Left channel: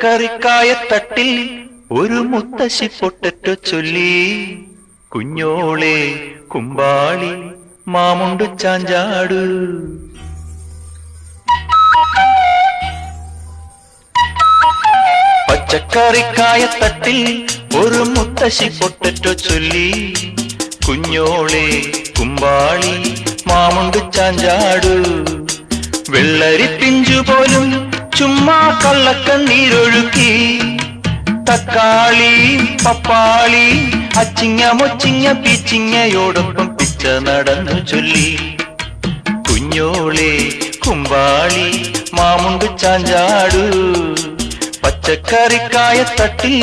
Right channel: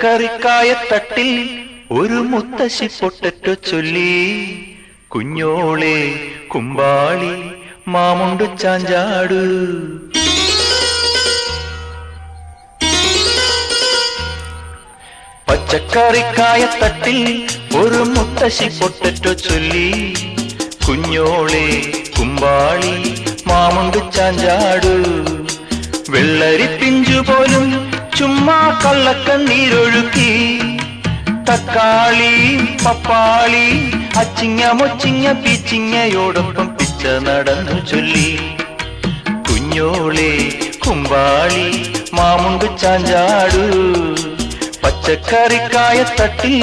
പച്ചക്കറിക്കായത്തട്ടിൽ ഒരു മുത്തശ്ശി പൊട്ടറ്റോ ചൊല്ലി. കുഞ്ഞോളെ കുമ്പാളി മാമുണ്ടു ചാഞ്ചാടു. പച്ചക്കറിക്കായത്തട്ടിൽ ഒരു മുത്തശ്ശി പൊട്ടറ്റോ ചൊല്ലി. കുഞ്ഞോളെ കുമ്പാളി മാമുണ്ടു ചാഞ്ചാടു. വെള്ളരി പിഞ്ചു പോലും ചുമ്മാ കള്ളക്കണ്ണീരൊഴുക്കി. തക്കാളി പപ്പാളി അച്ചിങ്ങ മൊച്ചിങ്ങ പീച്ചിങ്ങയോടൊപ്പം പിച്ച നടന്നു ചൊല്ലി. കുഞ്ഞോളെ കുമ്പാളി മാമുണ്ടു ചാഞ്ചാടു. പച്ചക്കറിക്കായത്തട്ടിൽ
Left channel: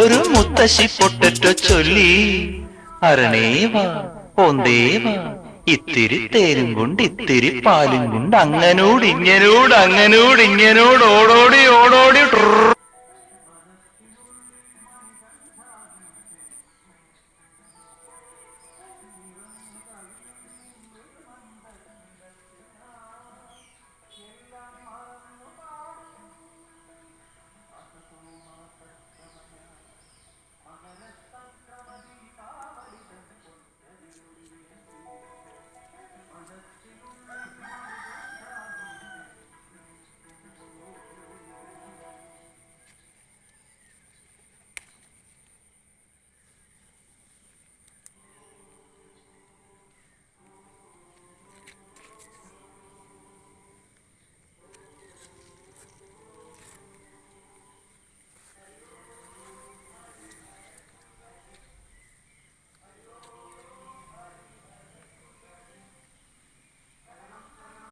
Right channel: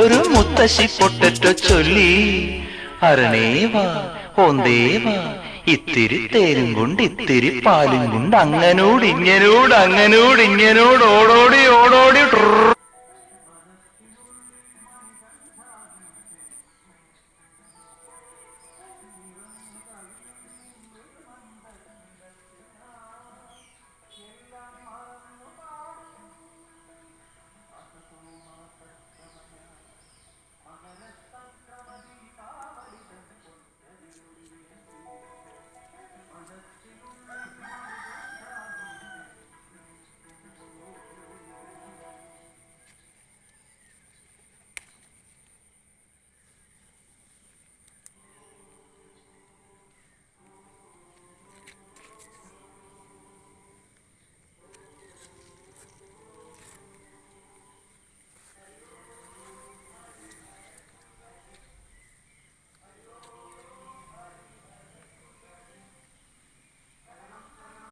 ഒരു മുത്തശ്ശി പൊട്ടറ്റോ ചൊല്ലി. അരണേവാ ഓന്തേവാ ഇത്തിരി തേരും കൊണ്ട് ഇത്തിരി പാലും കൊണ്ട് അങ്ങനോട് ഇങ്ങനോട് ഓടോടി